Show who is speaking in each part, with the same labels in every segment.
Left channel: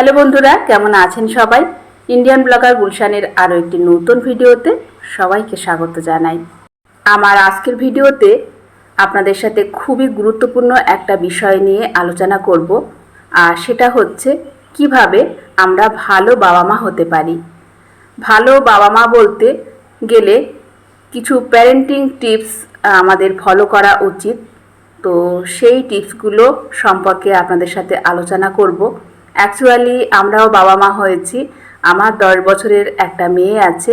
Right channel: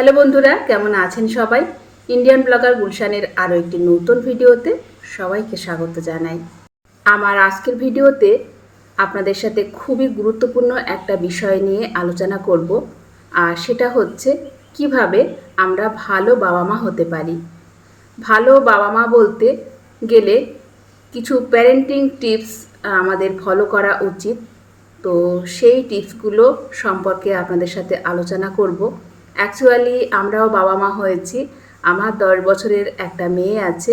Speaker 1: Hello বন্ধুরা, কেমন আছেন সবাই? ইন্ডিয়ান ব্লগার গুলশানের আরও একটি নতুন ভিডিওতে সবাইকে স্বাগত জানাই। আমার আজকের ভিডিওতে আপনাদের সাথে খুবই গুরুত্বপূর্ণ একটা বিষয় নিয়ে আলোচনা করব, আর সেটা হচ্ছে কীভাবে আমরা ভালো বাবা মা হতে পারি। ভালো বাবা মা বলতে গেলে কিছু প্যারেন্টিং টিপস আমাদের ফলো করা উচিত। তো সেই টিপসগুলো সম্পর্কে আপনাদের সাথে আলোচনা করব। অ্যাকচুয়ালি আমরাও বাবা মা হয়েছি। আমার দশ বছরের একটা মেয়ে আছে।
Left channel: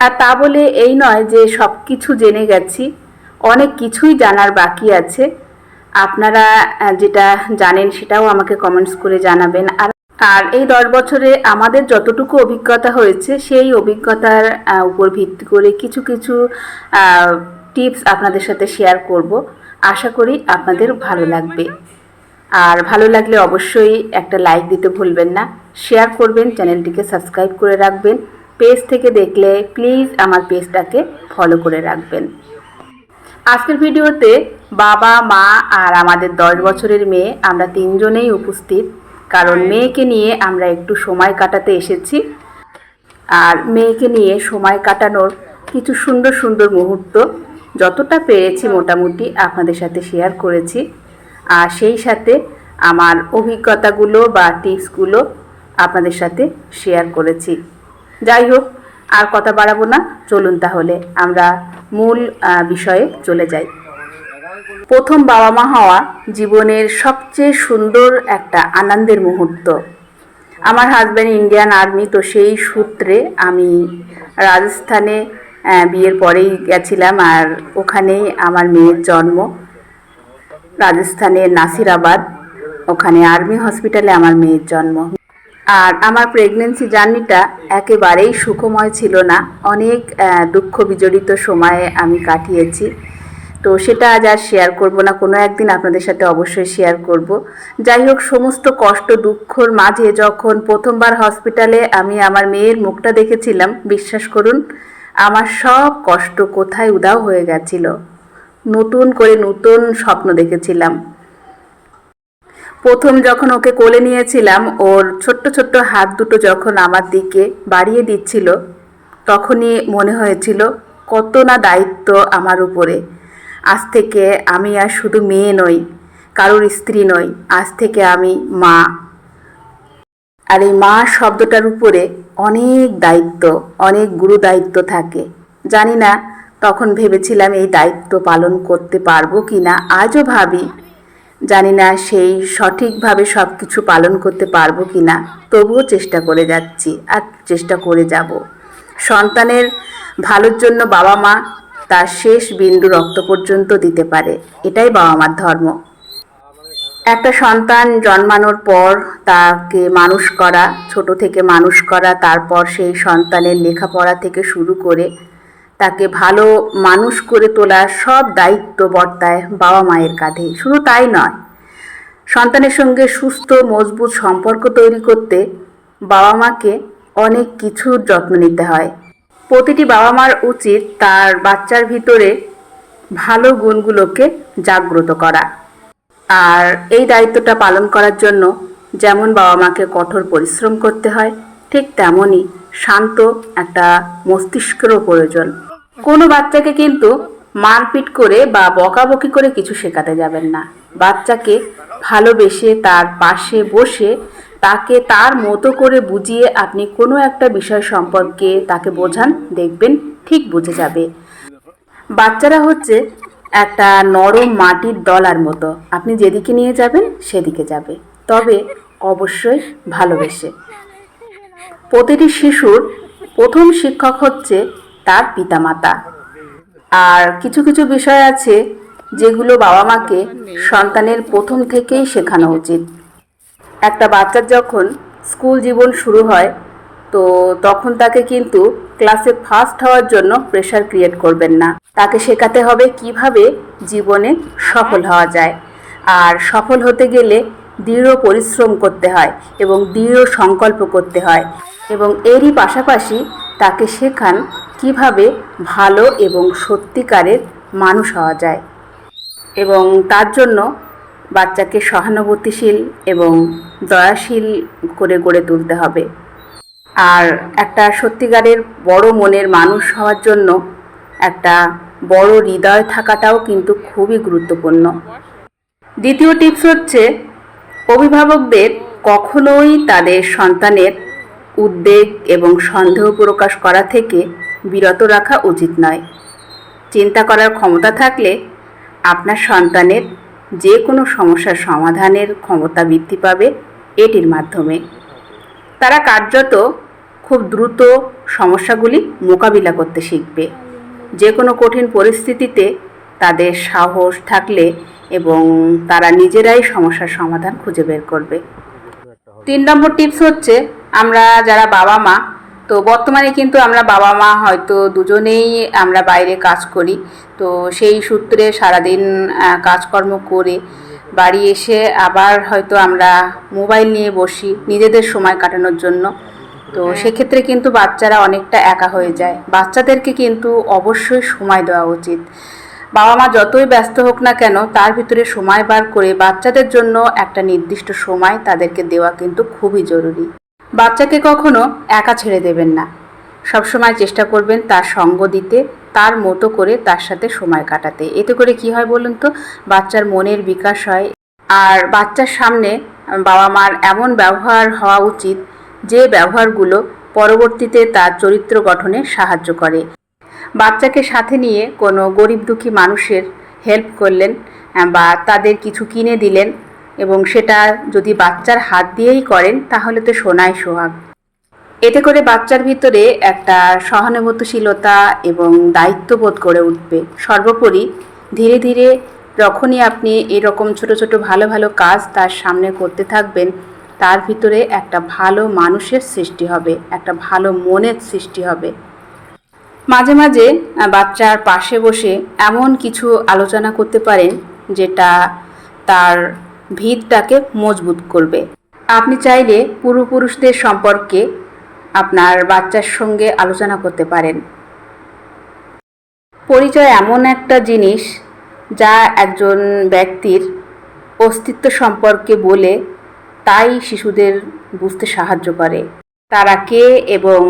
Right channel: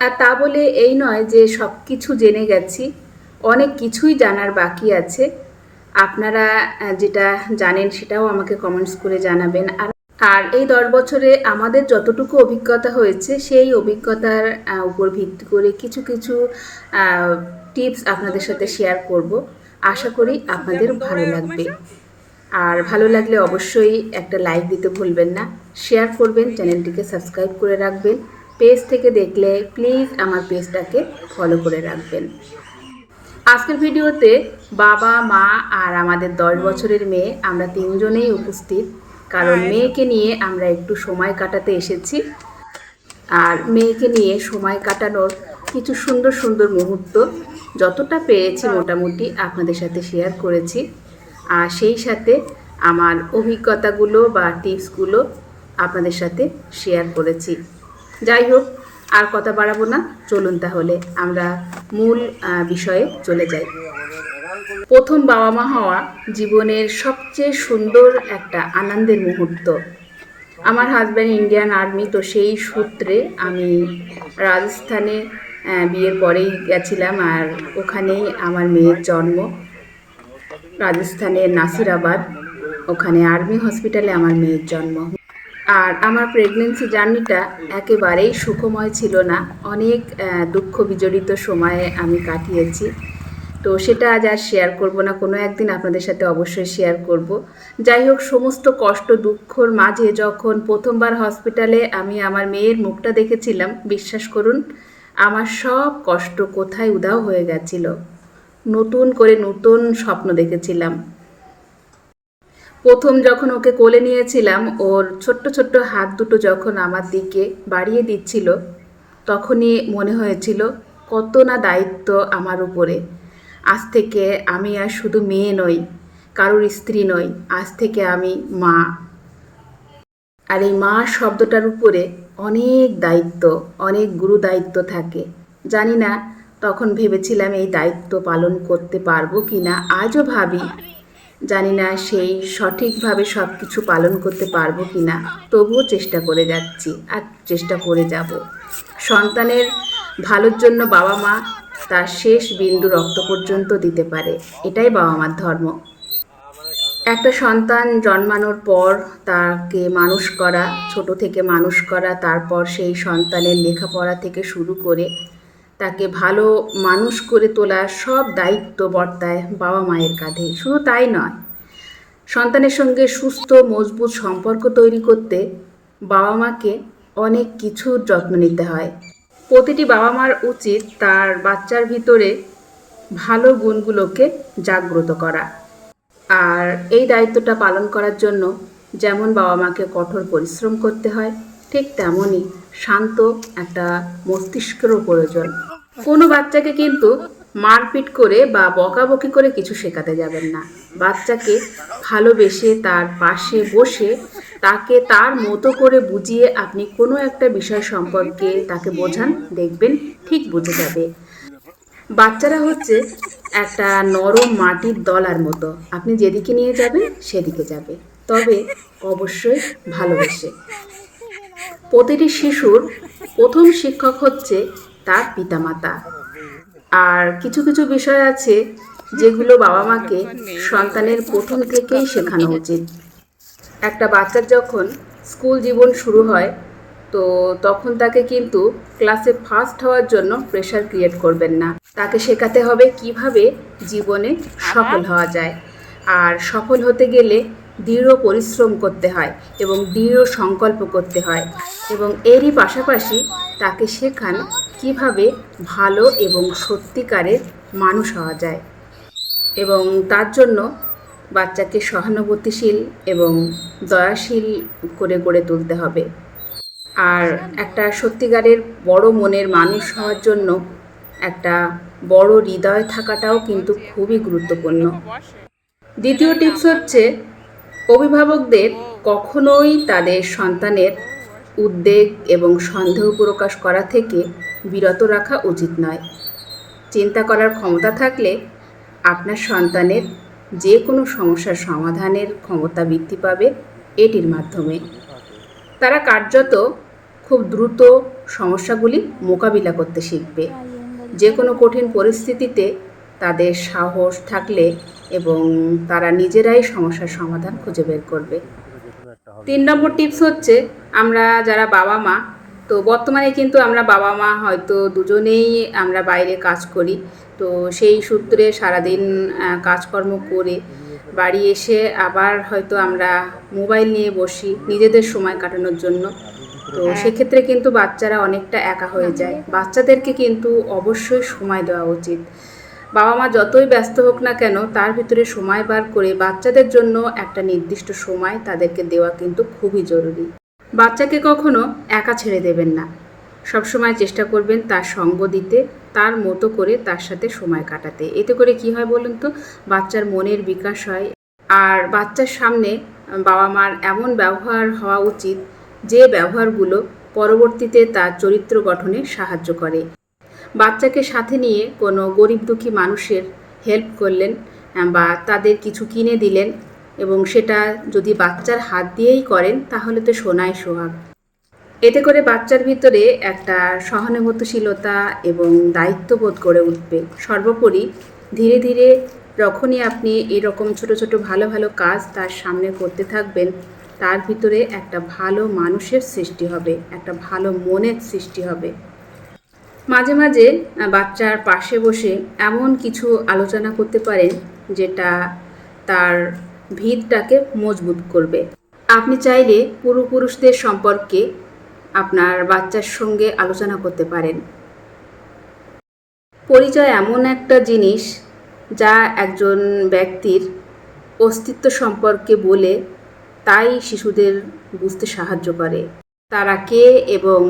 Speaker 1: আর তা বলে এই নয় যে সব কিছু জেনে গেছি। অনেক কিছুই জানার বাকি আছে। আপনারা যেটা জানেন সেটাও আমাকে কমেন্টস করে জানাবেন। আর আর এই দশ বছরে আমাদের যতটুকু অভিজ্ঞতা হয়েছে, সেই অভিজ্ঞতার উপর ভিত্তি করে কিছু কিছু টিপস আপনাদের সাথে শেয়ার করব। আশা করি আপনাদের ভালো লাগবে। আর ভালো লাগলে অবশ্যই একটা লাইক দিতে ভুলবেন না। শেয়ার করবেন চ্যানেলটিকে সাবস্ক্রাইব করে রাখবেন। পেজ থেকে দেখলে প্লিজ আমার পেজটাকে ফলো করে রাখবেন। আজকের ভিডিওতে বাবা, মা আর আমাদের দশ বছরের মেয়ে, আমরা তিনজনেই উপস্থিত। কারণ মেয়েকে নিয়ে আমরা একটু সময় কাটাতে এসেছি। আর মেয়েকে নিয়ে সময় কাটানোর কিছু সুন্দর সুন্দর মুহূর্ত যতটা পেরেছি মোটামুটি আপনাদের সাথে শেয়ার করেছি। আর সেই সাথে আমার অভিজ্ঞতাগুলো বা টিপসগুলো আপনাদের সাথে শেয়ার করেছি। যাই হোক, আর কথা বাড়াবো না। চলুন তাহলে আমরা মূল বিষয়ে চলে যাই। প্রথম বাবা মা হওয়া জীবনের সবচেয়ে সুন্দর একটা আনন্দের মুহূর্ত। আমার হাজব্যান্ড ইন্ডিয়ান আর্মি তো সেই সূত্রে আমি রাজস্থানে বিয়ের পরেই গেছিলাম আর ওখানেই আমার মেয়ের জন্ম। রাজস্থানের নাসিরাবাদ, ওখানে আর্মি হসপিটালে আমার মেয়ের জন্ম। আর আমার প্রেগনেন্সি জার্নিটা একেবারেই সুখময় ছিল না। অনেক দুঃখ বিজড়িত সময়ে আমি কাটিয়েছি। তো সেটা আজ আর শেয়ার করব না। কোনো একদিন আপনাদের সাথে অবশ্যই শেয়ার করব। যাই হোক, সমস্ত কষ্ট, দুঃখর মাঝে যখন প্রথমবার হসপিটালে আমি আমার মেয়ের মুখটা দেখেছিলাম, বিশ্বাস করুন, আমার সব কষ্ট কোথায় উদাও হয়ে গেছিল। নতুন করে নতুন স্বপ্ন দেখেছিলাম। প্রথম যখন ওকে কোলে নিয়েছিলাম, ওর ছোট্ট ছোট্ট হাত দুটো যখন আমার দিকে বাড়িয়ে দিচ্ছিল, তখনই মনে হয়েছিল কত না দায়িত্ব আমার উপরে। আজ থেকে আমি আর শুধু মেয়ে নই, কারোর স্ত্রী নই, আজ থেকে আমি মা। আর এই মা শব্দটার উপরে অনেক দায়িত্ব, অনেক গুরু দায়িত্ব থাকে। জানি না তখন ভেবেছিলাম এই দায়িত্ব পালন করতে পারব কি না আজও ভাবি। জানি না সেই সঠিকভাবে সব কিছু পালন করতে পারব কি না তবুও চেষ্টা করে যাচ্ছি আর চেষ্টা করে যাব। সন্তানের ভালোর জন্য বাবা মা তার শেষ বিন্দু রক্ত পর্যন্ত দিতে পারে, এটাই বাবা মার ধর্ম। একটা সন্তান জন্মানোর পর তাকে মানুষ করা, ছোট থেকে মানুষ করা, তারপর সেই সন্তানের লেখাপড়া থেকে শুরু করে তাকে ভালো মানুষ করে তোলার সব দায়িত্ব বর্তায় বাবা মায়ের কাঁধে। শুধু তাই নয়, সন্তানের সঙ্গে সুস্থ, মজবুত সম্পর্ক তৈরি করতে বাবা মাকে অনেক কিছুর যত্ন নিতে হয়। প্রতিটি বাবা মার উচিত তার বাচ্চার ভিতরে ভালো গুণগুলোকে জাগ্রত করা। আর এই দায়িত্বটা পালন করার জন্য যেমন বাবা মাকে কঠোর পরিশ্রম করতে হয়, ঠিক তেমনই শান্ত একটা মস্তিষ্কেরও প্রয়োজন কোনো বাচ্চাকে কিন্তু মারপিট করে বা বকাবকি করে কিছু শেখাতে যাবেন না। বাচ্চাকে ভালোবেসে তার পাশে বসে তাকে তার মতো করে বুঝিয়ে আপনি কোনো একটা বিষয় সম্পর্কে তাকে বোঝান, দেখবেন ঠিক বুঝে যাবে। বাচ্চারা হচ্ছে একটা নরম মাটির দলার মতো। আপনি যেদিকে নিয়ে যাবেন সেদিকে যাবে। তবে অবশ্যই ভালোবেসে। প্রতিটি শিশুর প্রথম শিক্ষক হচ্ছে তার পিতামাতা। আর কিছু কিছু বিষয় আছে যেগুলো বাবা মাকে সন্তানের প্রথম থেকেই শেখানো উচিত। একটা বাচ্চার যখন স্কুল জীবন শুরু হয়, তো তখন তাকে কিন্তু ক্লাসে ফার্স্ট হওয়ার জন্য প্রেশার ক্রিয়েট করবেন না। তাকে শেখাতে হবে কীভাবে জীবনে সফল হওয়া যায়। আর সফল হতে গেলে দৃঢ় পরিশ্রম করতে হয় এবং দৃঢ় সংকল্প করতে হয় এবং এরই পাশাপাশি তাকে শেখান কীভাবে ভালো এবং সত্যিকারের মানুষ হওয়া যায় এবং তার জন্য বাচ্চাকে সহানুভূতিশীল এবং দয়াশীল করে গড়ে তুলতে হবে। আর একটা সত্যিকারের বড় মনের মানুষ হওয়ার জন্য একটা বড় হৃদয় থাকাটাও কিন্তু খুবই গুরুত্বপূর্ণ। দ্বিতীয় টিপস হচ্ছে অভিভাবকদের কখনোই তাদের সন্তানের উদ্বেগ এবং সন্দেহ প্রকাশ করা থেকে বিরত রাখা উচিত নয়। চিন্তা করার ক্ষমতা থাকলে আপনার সন্তানের যে কোনো সমস্যার সমাধানের ক্ষমতা বৃদ্ধি পাবে এটির মাধ্যমে। তারা কার্যত খুব দ্রুত সমস্যাগুলি মোকাবিলা করতে শিখবে। যে কোনো কঠিন পরিস্থিতিতে তাদের সাহস থাকলে এবং তারা নিজেরাই সমস্যার সমাধান খুঁজে বের করবে। তিন নম্বর টিপস হচ্ছে আমরা যারা বাবা মা তো বর্তমানে কিন্তু আমরা বাবা মা হয়তো দুজনেই আমরা বাইরে কাজ করি। তো সেই সূত্রে সারাদিন কাজকর্ম করে বাড়ি এসে আবার হয়তো আমরা মোবাইল নিয়ে বসি নিজেদের সময় কাটানোর জন্য। তো সেক্ষেত্রে কিন্তু বাচ্চারা অনেকটা একা হয়ে যায়। বাচ্চাদেরকে কিন্তু অবশ্যই সময় দেওয়া উচিত। বাবা মা যতই ব্যস্ত হোক না কেন, তার ভিতরে সময় বার করে বাচ্চাদের জন্য একটা নির্দিষ্ট সময় তাদেরকে দেওয়া কিন্তু খুবই জরুরি। বাচ্চাকে কখনো একা ছেড়ে দেবেন না। সবসময় চেষ্টা করবেন তার সঙ্গ দিতে, তার মতো করে তার সাথে সময় কাটাতে। এতে করে কি হয় বলুন তো? বাচ্চার মনের বিকাশ হয়। আর বাচ্চার সামনে বাবা মার এমন ব্যবহার হওয়া উচিত, যে ব্যবহারগুলো পরবর্তীতে তার চরিত্র গঠনে সাহায্য করে। বাচ্চাকে সাথে নিয়ে কোনো গরিব দুঃখী মানুষের হেল্প করলেন, বা তাদের কিছু কিনে দিলেন এবং সেটা যদি বাচ্চার হাত দিয়েই করেন, তাহলে তো সোনাই সোহাগ। এতে করে বাচ্চার ভিতরে একটা সহানুভূতিশীলতা এবং দায়িত্ববোধ গড়ে উঠবে। সর্বোপরি ধীরে ধীরে যখনই আপনি এরকম ছোট ছোট ভালো ভালো কাজ তার সামনে করতে থাকবেন, তার ভিতরে একটা ভালো মানুষের সৃষ্টি হবে, একটা ভালো মনের সৃষ্টি হবে। মাঝে মাঝে বাচ্চার পাশে বসে এমন কিছু আলোচনা করতে পারেন যেটা তার ভিতটাকে মজবুত করবে। আপনি চাইলে পূর্বপুরুষদের সম্পর্কে আপনার বাচ্চার সঙ্গে আলোচনা করতে পারেন। পরিচয় এমন একটা জিনিস যা একজন ব্যক্তির অস্তিত্ব সম্পর্কে বলে তাই শিশুদের বুঝতে সাহায্য করে। তারা কে এবং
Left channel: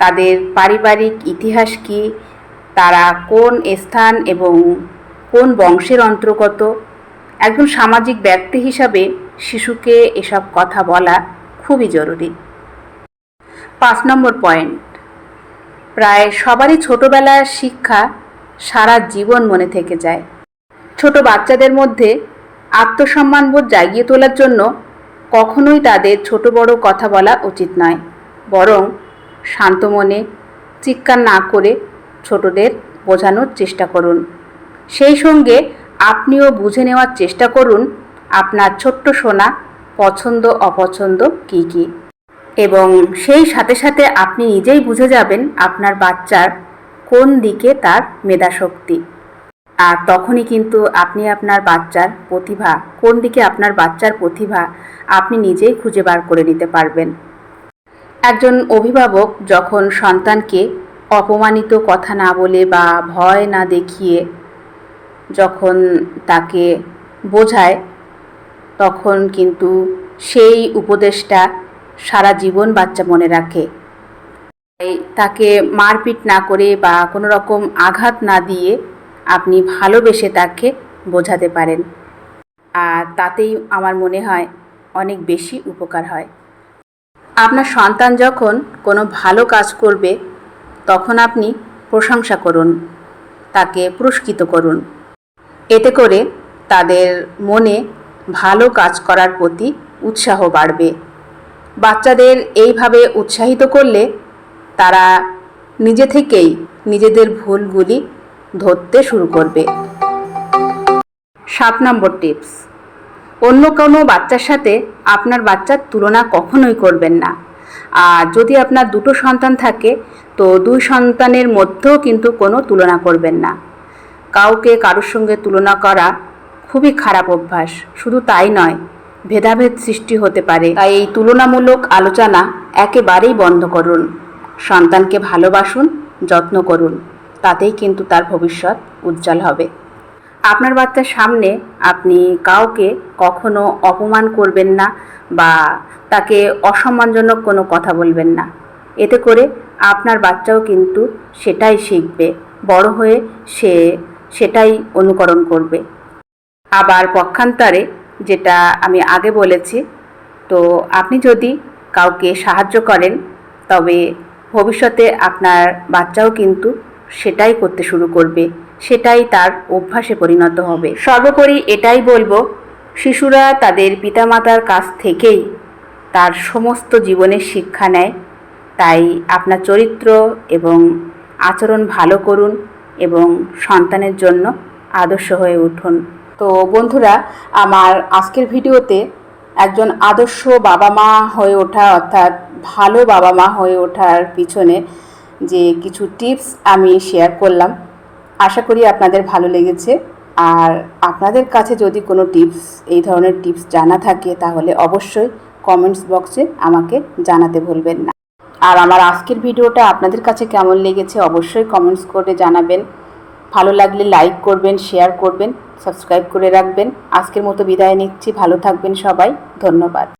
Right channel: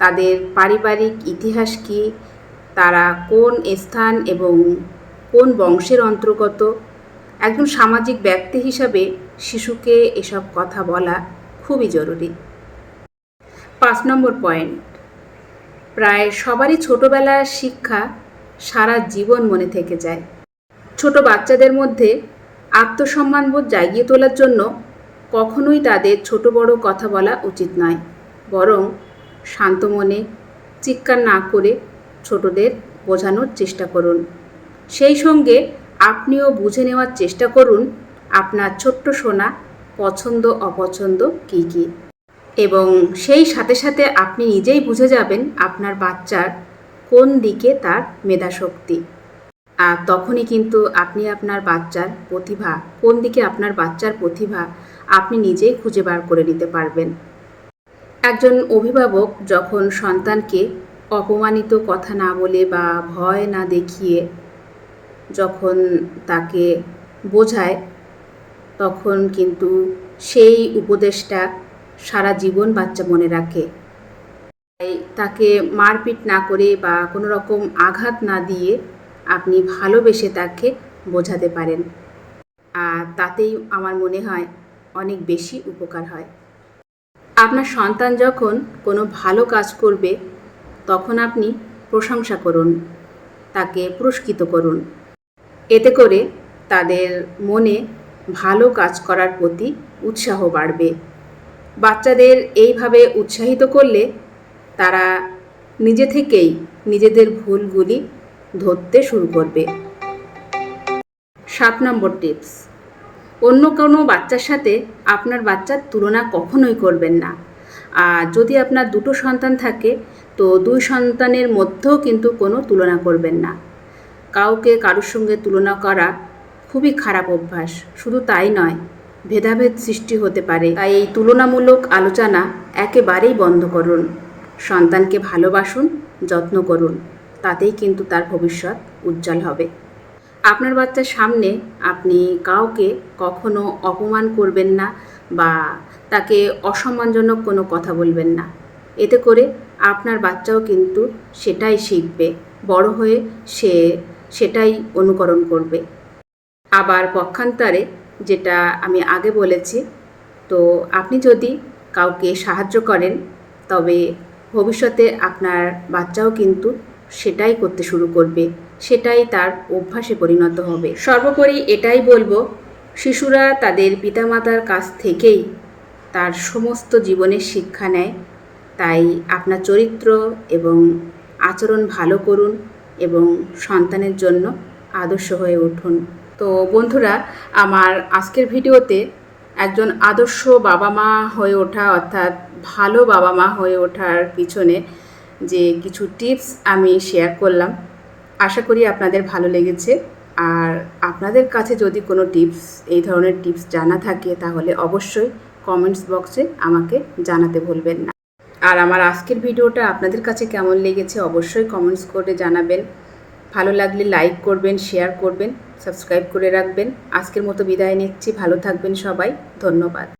Speaker 1: তাদের পারিবারিক ইতিহাস কি? তারা কোন স্থান এবং কোন বংশের অন্তর্গত? একজন সামাজিক ব্যক্তি হিসাবে শিশুকে এসব কথা বলা খুবই জরুরি। পাঁচ নম্বর পয়েন্ট। প্রায় সবারই ছোটবেলার শিক্ষা সারা জীবন মনে থেকে যায়। ছোট বাচ্চাদের মধ্যে আত্মসম্মানবোধ জাগিয়ে তোলার জন্য কখনোই তাদের ছোট বড় কথা বলা উচিত নয়। বরং শান্ত মনে চিৎকার না করে ছোটদের বোঝানোর চেষ্টা করুন। সেই সঙ্গে আপনিও বুঝে নেওয়ার চেষ্টা করুন, আপনার ছোট্ট সোনা পছন্দ, অপছন্দ কী কী। এবং সেই সাথে সাথে আপনি নিজেই বুঝে যাবেন আপনার বাচ্চার কোন দিকে তার মেধাশক্তি। আর তখনই কিন্তু আপনি আপনার বাচ্চার প্রতিভা, কোন দিকে আপনার বাচ্চার প্রতিভা আপনি নিজেই খুঁজে বার করে নিতে পারবেন। একজন অভিভাবক যখন সন্তানকে অপমানিত কথা না বলে বা ভয় না দেখিয়ে যখন তাকে বোঝায়, তখন কিন্তু সেই উপদেশটা সারা জীবন বাচ্চা মনে রাখে। তাকে মারপিট না করে বা কোনো রকম আঘাত না দিয়ে আপনি ভালোবেসে তাকে বোঝাতে পারেন। আর তাতেই আমার মনে হয় অনেক বেশি উপকার হয়। আপনার সন্তান যখন কোনো ভালো কাজ করবে, তখন আপনি প্রশংসা করুন, তাকে পুরস্কৃত করুন। এতে করে তাদের মনে ভালো কাজ করার প্রতি উৎসাহ বাড়বে। বাচ্চাদের এইভাবে উৎসাহিত করলে তারা নিজে থেকেই নিজেদের ভুলগুলি ধরতে শুরু করবে। সাত নম্বর টিপস। অন্য কোনো বাচ্চার সাথে আপনার বাচ্চার তুলনা কখনোই করবেন না। আর যদি আপনার দুটো সন্তান থাকে, তো দুই সন্তানের মধ্যেও কিন্তু কোনো তুলনা করবেন না। কাউকে কারোর সঙ্গে তুলনা করা খুবই খারাপ অভ্যাস। শুধু তাই নয়, ভেদাভেদ সৃষ্টি হতে পারে। তাই এই তুলনামূলক আলোচনা একেবারেই বন্ধ করুন। সন্তানকে ভালোবাসুন, যত্ন করুন। তাতেই কিন্তু তার ভবিষ্যৎ উজ্জ্বল হবে। আপনার বাচ্চার সামনে আপনি কাউকে কখনো অপমান করবেন না বা তাকে অসম্মানজনক কোনো কথা বলবেন না। এতে করে আপনার বাচ্চাও কিন্তু সেটাই শিখবে, বড় হয়ে সে সেটাই অনুকরণ করবে। আবার পক্ষান্তরে যেটা আমি আগে বলেছি, তো আপনি যদি কাউকে সাহায্য করেন, তবে ভবিষ্যতে আপনার বাচ্চাও কিন্তু সেটাই করতে শুরু করবে। সেটাই তার অভ্যাসে পরিণত হবে। সর্বোপরি এটাই বলব, শিশুরা তাদের পিতামাতার কাছ থেকেই তার সমস্ত জীবনের শিক্ষা নেয়। তাই আপনার চরিত্র এবং আচরণ ভালো করুন এবং সন্তানের জন্য আদর্শ হয়ে উঠুন। তো বন্ধুরা, আমার আজকের ভিডিওতে একজন আদর্শ বাবা মা হয়ে ওঠা অর্থাৎ ভালো বাবা মা হয়ে ওঠার পিছনে যে কিছু টিপস আমি শেয়ার করলাম আশা করি আপনাদের ভালো লেগেছে। আর আপনাদের কাছে যদি কোনো টিপস, এই ধরনের টিপস জানা থাকে, তাহলে অবশ্যই কমেন্টস বক্সে আমাকে জানাতে ভুলবেন না। আর আমার আজকের ভিডিওটা আপনাদের কাছে কেমন লেগেছে, অবশ্যই কমেন্টস করে জানাবেন। ভালো লাগলে লাইক করবেন, শেয়ার করবেন, সাবস্ক্রাইব করে রাখবেন। আজকের মতো বিদায় নিচ্ছি, ভালো থাকবেন সবাই, ধন্যবাদ।